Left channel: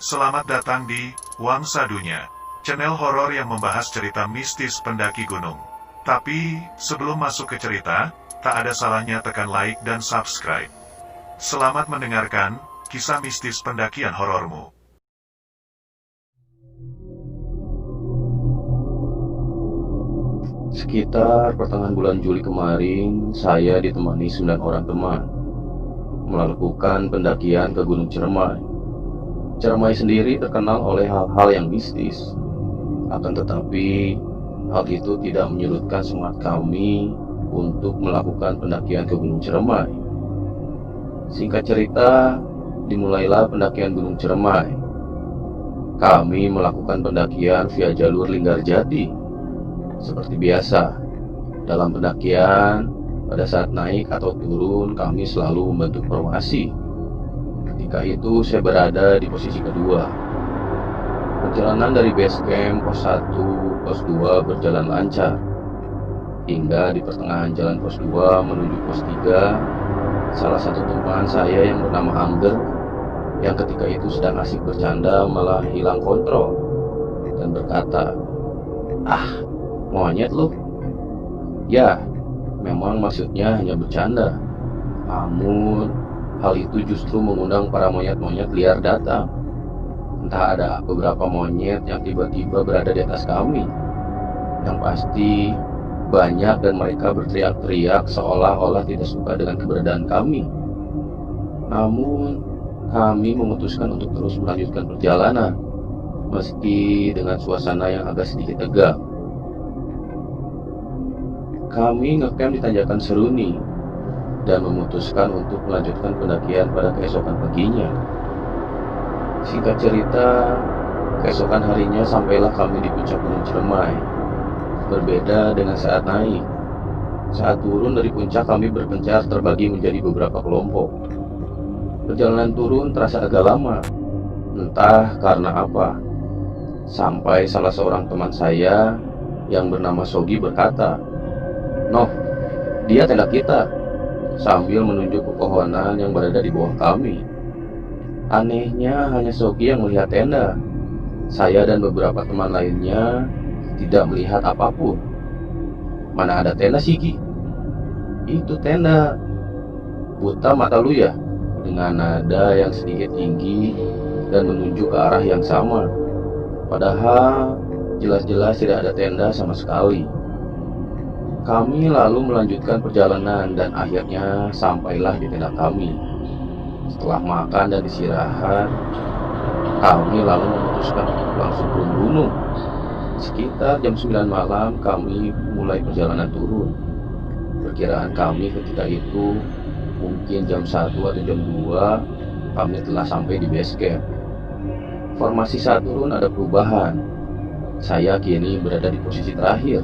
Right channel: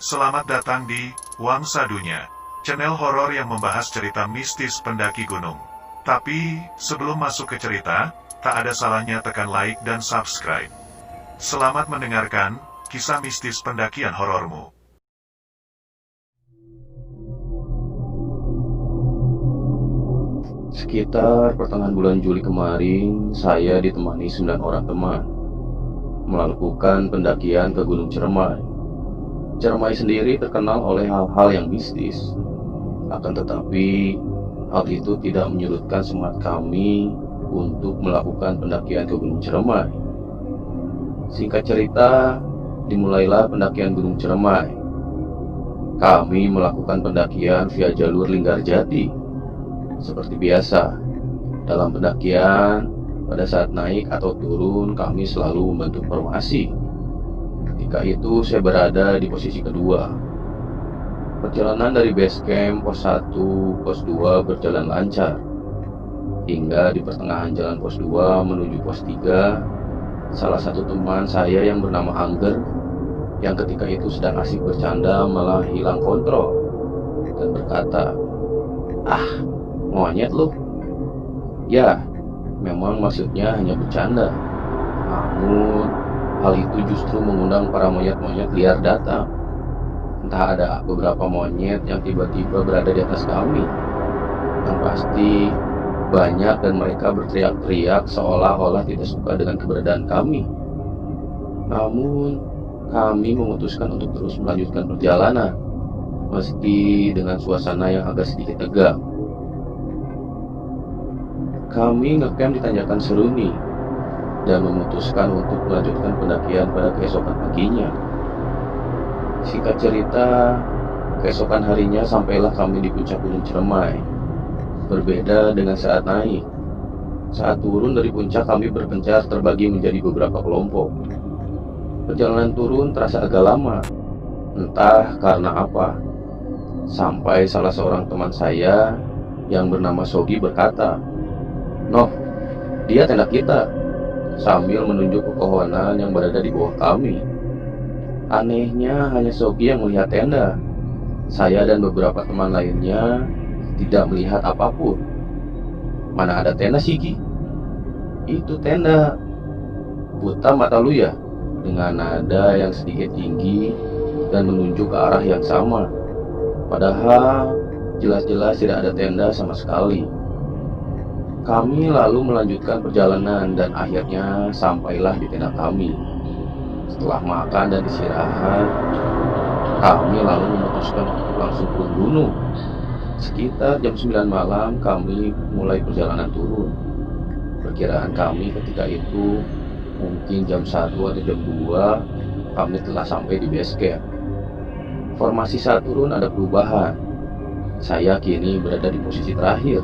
Selamat datang di Wangsa Dunia, channel horor yang membahas cerita mistis pendaki gunung. Tapi, sebelum masuk ke cerita, tak ada salahnya tekan like dan subscribe. Selamat mendengarkan kisah mistis pendakian horormu. Sekitar pertengahan bulan Juli kemarin, saya ditemani 9 orang teman melakukan pendakian ke Gunung Ciremai. Ciremai sendiri terkenal oleh hal-hal yang mistis. Akan tetapi, hal itu tidak menyurutkan semangat kami untuk melakukan pendakian ke Gunung Ciremai. Singkat cerita, dimulailah pendakian Gunung Ciremai. Kami melakukan pendakian via jalur Linggarjati. Seperti biasa, dalam pendakian, pada saat naik atau turun, kami selalu membentuk formasi. Ketika itu, saya berada di posisi kedua. Perjalanan dari base camp pos 1, pos 2 berjalan lancar. Hingga di pertengahan jalan pos 2 menuju pos 3, salah satu teman saya yang bernama Angger, yang ketika itu sedang asik bercanda, malah hilang kontrol dan berkata, "Ah, monyet lu." Ya, memang maksudnya hanya bercanda. Namun, hal itu justru mengundang para monyet-monyet liar datang. Entah ada beberapa monyet yang tiba-tiba berada di atas kami. Yang pasti, banyak dan mereka berteriak-teriak seolah-olah tidak suka dengan keberadaan kami. Namun, kami memutuskan untuk terus melanjutkan perjalanan, meski dengan suasana yang agak sedikit tegang. Kami ngecamp di Tanjakan Seruni dan memutuskan untuk melanjutkan pendakian pada keesokan paginya. Singkat cerita, keesokan harinya sampailah kami di puncak Gunung Ciremai. Berbeda dengan saat naik. Saat turun dari puncak, kami berpencar terbagi menjadi beberapa kelompok. Perjalanan turun terasa agak lama, entah karena apa. Sampai salah seorang teman saya yang bernama Sogi berkata, "Noh, dia tenda kita," sambil menunjuk pepohonan yang berada di bawah kami. Anehnya hanya Sogi yang melihat tenda. Saya dan beberapa teman lainnya tidak melihat apapun. "Mana ada tenda, Sigi?" "Itu tenda." "Buta mata lu ya?" Dengan nada yang sedikit tinggi dan menunjuk ke arah yang sama. Padahal jelas-jelas tidak ada tenda sama sekali. Kami lalu melanjutkan perjalanan dan akhirnya sampailah di tenda kami. Setelah makan dan istirahat, kami lalu memutuskan untuk langsung turun gunung. Sekitar jam 9 malam kami mulai perjalanan turun. Perkiraan kami ketika itu mungkin jam 1 atau jam 2 kami telah sampai di base camp. Formasi saat turun ada perubahan. Saya kini berada di posisi terakhir,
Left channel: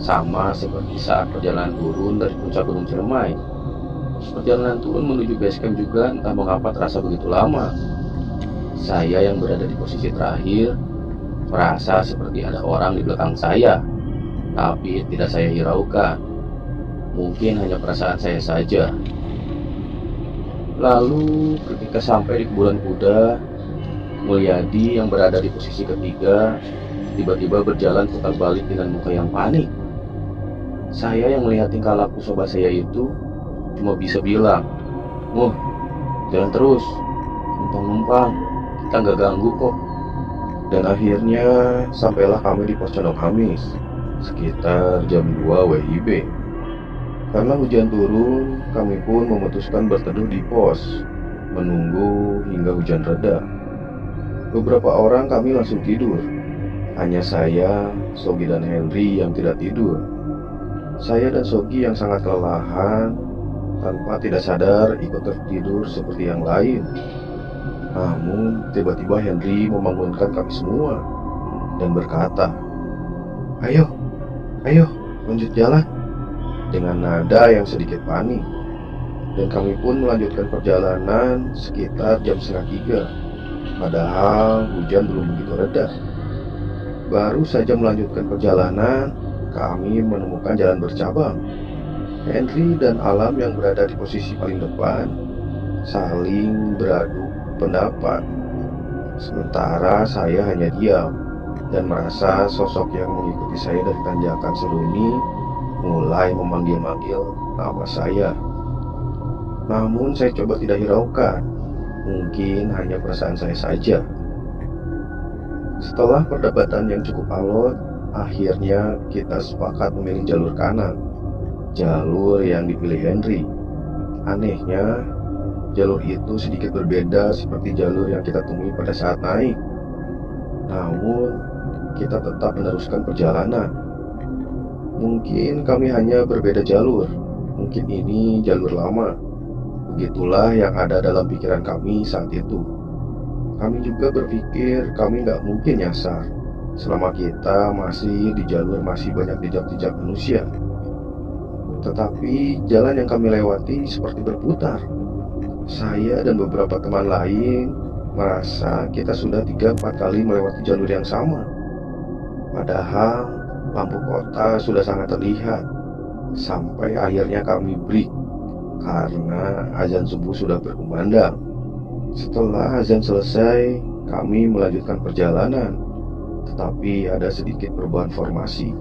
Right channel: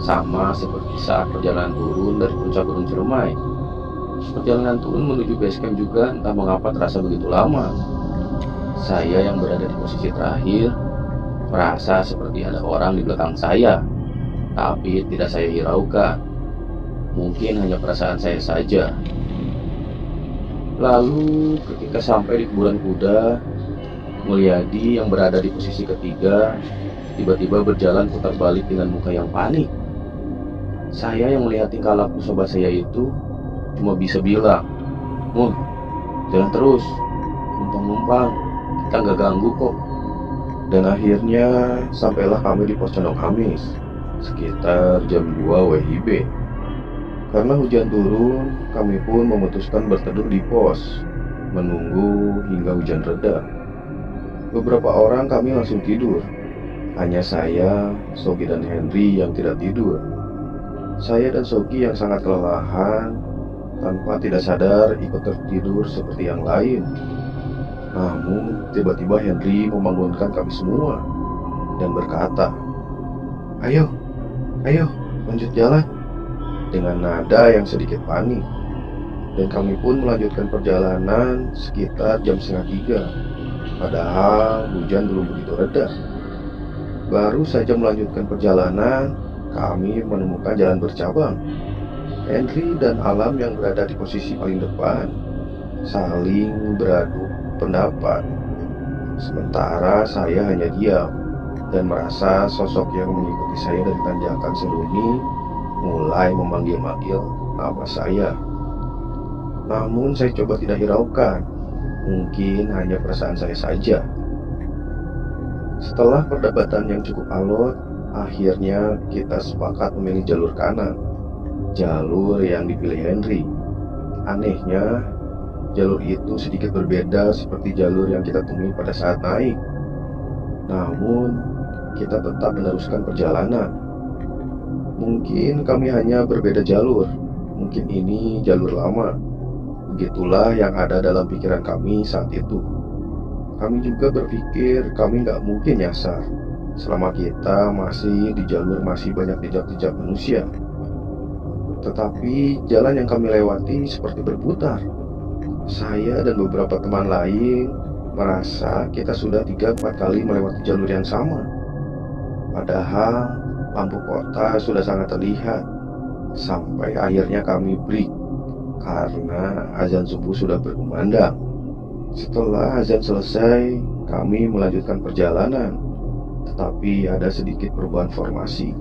sama seperti saat perjalanan turun dari puncak Gunung Ciremai. Perjalanan turun menuju base camp juga entah mengapa terasa begitu lama. Saya yang berada di posisi terakhir merasa seperti ada orang di belakang saya, tapi tidak saya hiraukan. Mungkin hanya perasaan saya saja. Lalu ketika sampai di kuburan kuda, Mulyadi yang berada di posisi ketiga tiba-tiba berjalan putar balik dengan muka yang panik. Saya yang melihat tingkah laku sobat saya itu cuma bisa bilang, "Mul, jalan terus, numpang-numpang, kita nggak ganggu kok." Dan akhirnya sampailah kami di pos Condong Hamis sekitar jam 2 WIB. Karena hujan turun, kami pun memutuskan berteduh di pos, menunggu hingga hujan reda. Beberapa orang kami langsung tidur. Hanya saya, Sogi dan Henry yang tidak tidur. Saya dan Sogi yang sangat kelelahan, tanpa tidak sadar ikut tertidur seperti yang lain. Namun tiba-tiba Henry membangunkan kami semua dan berkata, "Ayo, ayo, lanjut jalan," dengan nada yang sedikit panik. Dan kami pun melanjutkan perjalanan sekitar jam setengah 3. Padahal hujan belum begitu reda. Baru saja melanjutkan perjalanan, kami menemukan jalan bercabang. Henry dan Alam yang berada di posisi paling depan saling beradu pendapat. Sementara saya hanya diam dan merasa sosok yang mengikuti saya dari tanjakan Seruni mulai memanggil-manggil nama saya. Namun saya coba tidak hiraukan, mungkin hanya perasaan saya saja. Setelah perdebatan yang cukup alot, akhirnya kita sepakat memilih jalur kanan, jalur yang dipilih Henry. Anehnya, jalur itu sedikit berbeda seperti jalur yang kita temui pada saat naik. Namun, kita tetap meneruskan perjalanan. Mungkin kami hanya berbeda jalur, mungkin ini jalur lama. Begitulah yang ada dalam pikiran kami saat itu. Kami juga berpikir kami nggak mungkin nyasar selama kita masih di jalur masih banyak jejak-jejak manusia. Tetapi jalan yang kami lewati seperti berputar. Saya dan beberapa teman lain merasa kita sudah 3-4 kali melewati jalur yang sama. Padahal lampu kota sudah sangat terlihat. Sampai akhirnya kami break karena azan subuh sudah berkumandang. Setelah azan selesai, kami melanjutkan perjalanan. Tetapi ada sedikit perubahan formasi.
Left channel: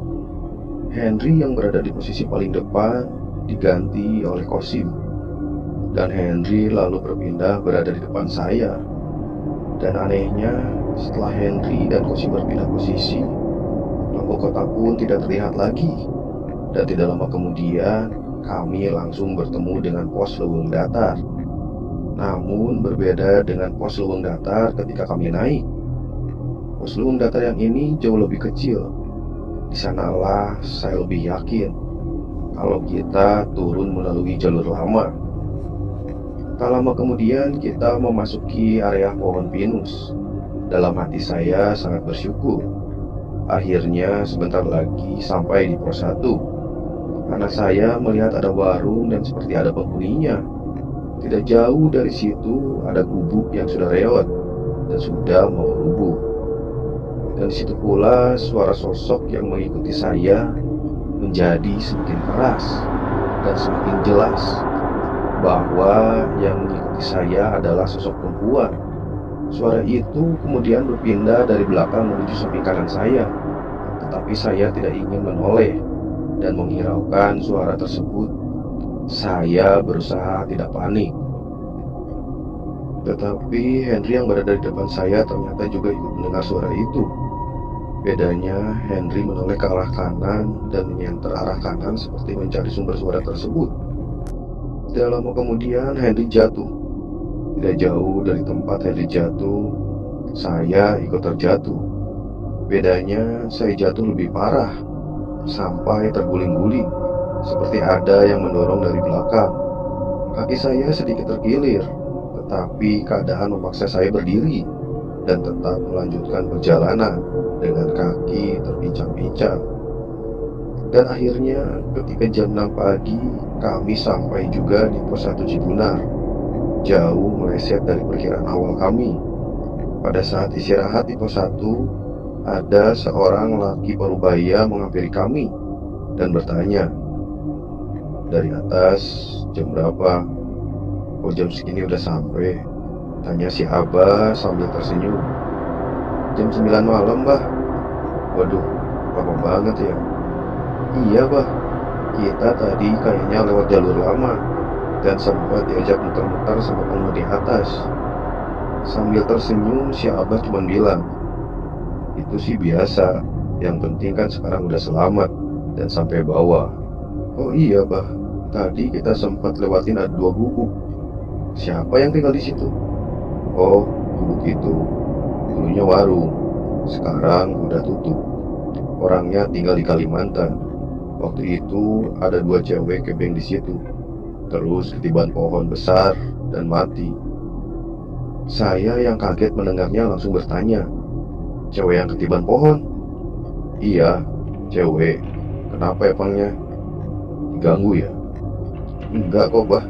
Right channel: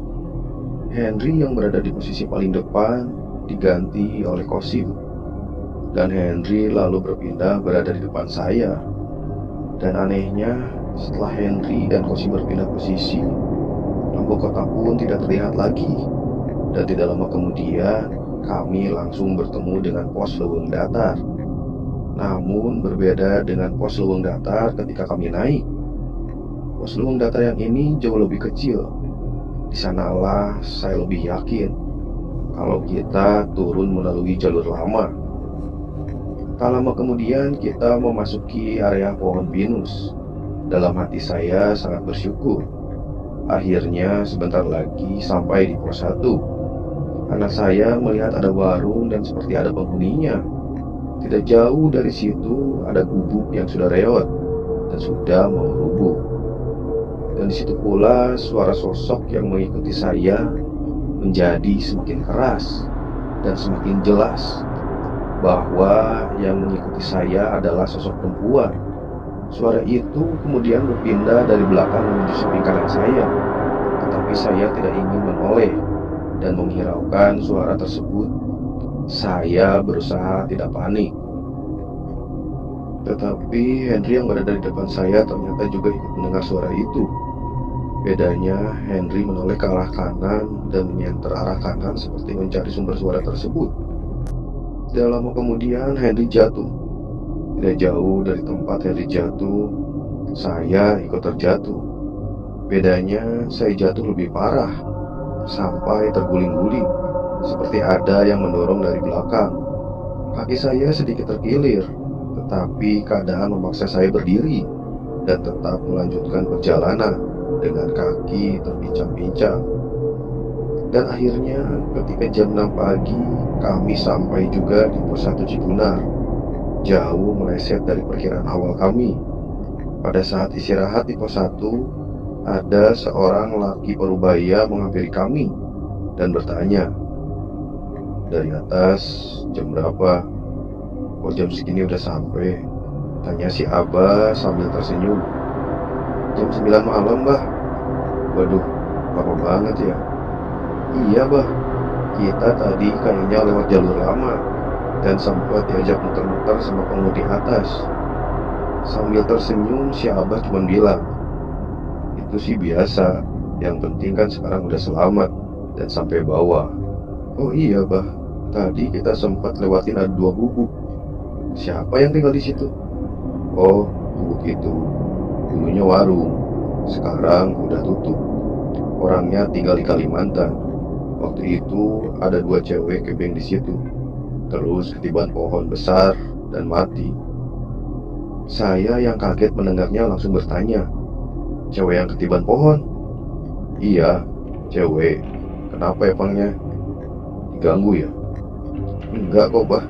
Henry yang berada di posisi paling depan diganti oleh Kosim, dan Henry lalu berpindah berada di depan saya. Dan anehnya, setelah Henry dan Kosim berpindah posisi, lampu kota pun tidak terlihat lagi. Dan tidak lama kemudian, kami langsung bertemu dengan pos Leuweung Datar. Namun berbeda dengan pos Leuweung Datar ketika kami naik. Pos Leuweung Datar yang ini jauh lebih kecil. Di sanalah saya lebih yakin kalau kita turun melalui jalur lama. Tak lama kemudian kita memasuki area pohon pinus. Dalam hati saya sangat bersyukur. Akhirnya sebentar lagi sampai di pos 1. Karena saya melihat ada warung dan seperti ada penghuninya. Tidak jauh dari situ ada gubuk yang sudah reot dan sudah mau rubuh. Dan di situ pula suara sosok yang mengikuti saya menjadi semakin keras dan semakin jelas bahwa yang mengikuti saya adalah sosok perempuan. Suara itu kemudian berpindah dari belakang menuju samping kanan saya. Tetapi saya tidak ingin menoleh dan menghiraukan suara tersebut. Saya berusaha tidak panik. Tetapi Henry yang berada di depan saya ternyata juga ikut mendengar suara itu. Bedanya, Henry menoleh ke arah kanan dan menyenter arah kanan seperti mencari sumber suara tersebut. Tidak lama kemudian Henry jatuh. Tidak jauh dari tempat Henry jatuh, saya ikut terjatuh. Bedanya, saya jatuh lebih parah, sampai terguling-guling, seperti ada yang mendorong dari belakang. Kaki saya sedikit terkilir, tetapi keadaan memaksa saya berdiri dan tetap melanjutkan perjalanan dengan kaki terpincang-pincang. Dan akhirnya ketika jam 6 pagi, kami sampai juga di pos 1 Cigunar, jauh meleset dari perkiraan awal kami. Pada saat istirahat di pos 1, ada seorang laki parubaya menghampiri kami dan bertanya, "Dari atas, jam berapa?" "Oh, jam segini udah sampai," tanya si Abah sambil tersenyum. "Jam 9 malam, Bah." "Waduh, lama banget ya." "Iya, Bah, kita tadi kayaknya lewat jalur lama dan sempat diajak muter-muter sama penghuni atas." Sambil tersenyum, si Abah cuma bilang, "Itu sih biasa, yang penting kan sekarang udah selamat dan sampai bawah." "Oh iya, Bah, tadi kita sempat lewatin ada 2 gubuk." "Siapa yang tinggal di situ?" "Oh, gubuk itu dulunya warung, sekarang udah tutup. Orangnya tinggal di Kalimantan. Waktu itu ada 2 cewek kebeng di situ, terus ketiban pohon besar dan mati." Saya yang kaget mendengarnya langsung bertanya, "Cewek yang ketiban pohon?" "Iya, cewek. Kenapa emangnya? Diganggu ya?" "Enggak kok, Bah."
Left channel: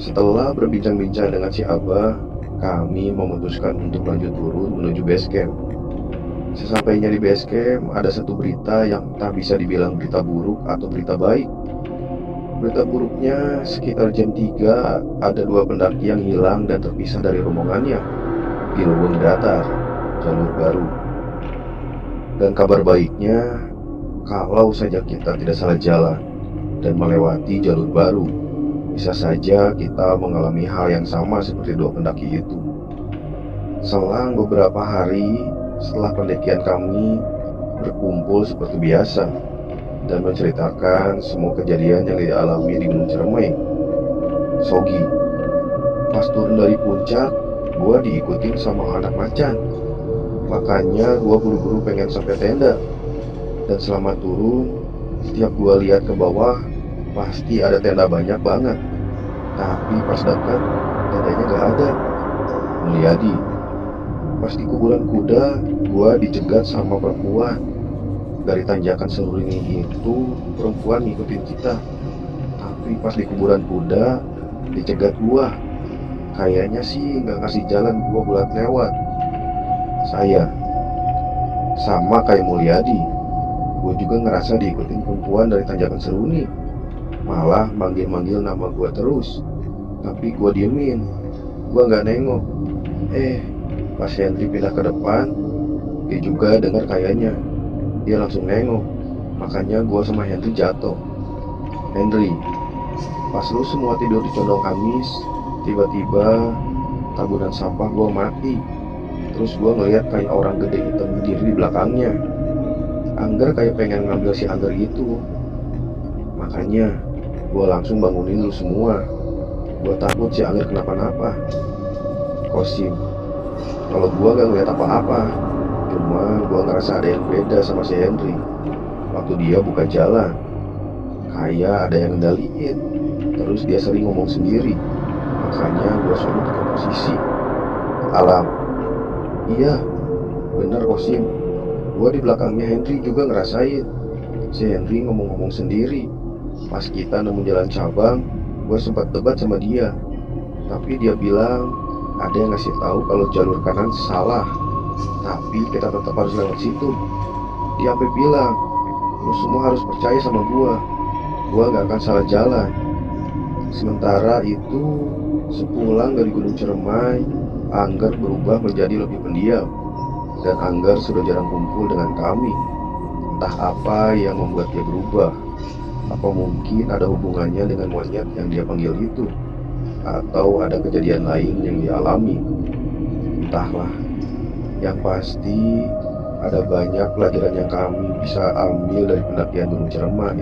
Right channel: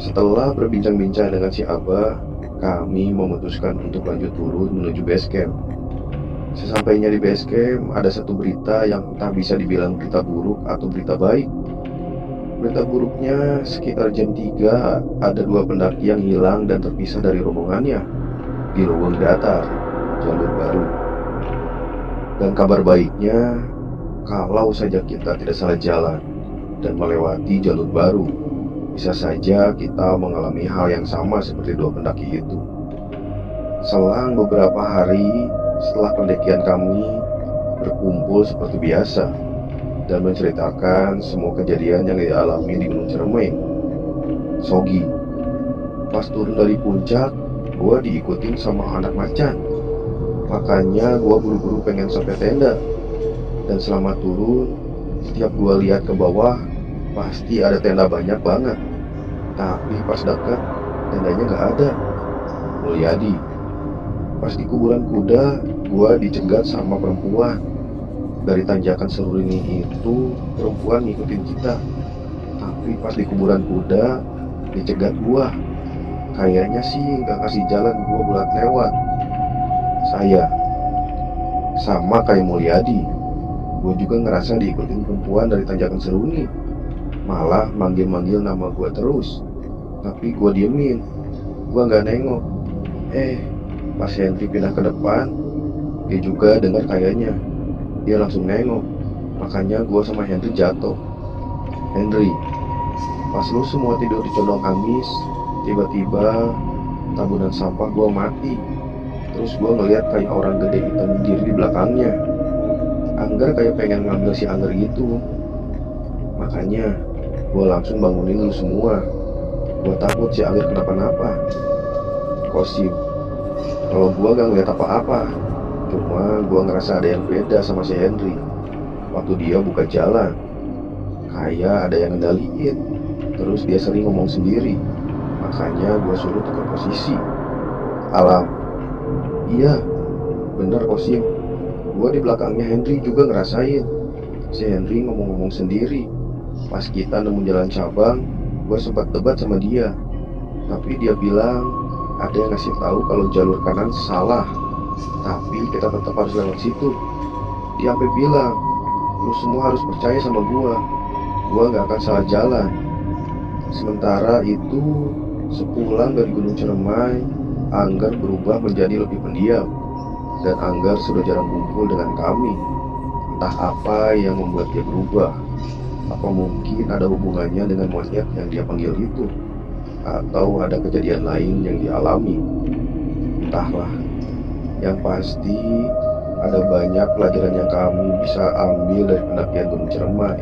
Setelah berbincang-bincang dengan si Abah, kami memutuskan untuk lanjut turun menuju base camp. Sesampainya di base camp, ada satu berita yang entah bisa dibilang berita buruk atau berita baik. Berita buruknya, sekitar jam 3 ada 2 pendaki yang hilang dan terpisah dari rombongannya. di lubang datar, jalur baru. Dan kabar baiknya, kalau saja kita tidak salah jalan dan melewati jalur baru, bisa saja kita mengalami hal yang sama seperti dua pendaki itu. Selang beberapa hari setelah pendakian, kami berkumpul seperti biasa dan menceritakan semua kejadian yang dialami di Gunung Ciremai. Sogi, pas turun dari puncak, gue diikutin sama anak macan. Makanya gue buru-buru pengen sampai tenda. Dan selama turun, setiap gue lihat ke bawah, pasti ada tenda banyak banget. Tapi pas dekat, tendanya gak ada. Mulyadi, pas di kuburan kuda, gue dicegat sama perempuan. Dari tanjakan Seruni itu, perempuan ngikutin kita. Tapi pas di kuburan kuda, dicegat gue. Kayaknya sih gak kasih jalan gue buat lewat. Saya sama kayak Mulyadi, gue juga ngerasa diikutin perempuan dari tanjakan Seruni. Malah manggil-manggil nama gue terus. Tapi gue diemin, gue gak nengok. Pas Henry pindah ke depan, dia juga dengar kayaknya. Dia langsung nengok. Makanya gue sama Henry jatuh. Henry, pas lu semua tidur di condong kamis, tiba-tiba tabunan sampah gue mati. Terus gue ngeliat kayak orang gede hitam berdiri di belakangnya. Angger kayak pengen ngambil si Angger gitu. Makanya gue langsung bangunin lu semua. Gue takut si Angger kenapa-napa. Kosim, kalau gue gak ngeliat apa-apa, cuma gue ngerasa ada yang beda sama si Henry. Waktu dia buka jalan, kayak ada yang ngendaliin. Terus dia sering ngomong sendiri. Makanya gue suruh tukar posisi. Alam, iya, bener Kosim. Gue di belakangnya Henry juga ngerasain. Si Henry ngomong-ngomong sendiri. Pas kita nemu jalan cabang, gue sempat debat sama dia. Tapi dia bilang ada yang ngasih tahu kalau jalur kanan salah. Tapi kita tetap harus lewat situ. Dia sampai bilang, lu semua harus percaya sama gue gak akan salah jalan. Sementara itu, sepulang dari Gunung Ciremai, Angger berubah menjadi lebih pendiam. Dan Angger sudah jarang kumpul dengan kami. Entah apa yang membuat dia berubah. Apa mungkin ada hubungannya dengan monyet yang dia panggil itu, atau ada kejadian lain yang dialami. Entahlah. Yang pasti ada banyak pelajaran yang kami bisa ambil dari pendakian Gunung Ciremai.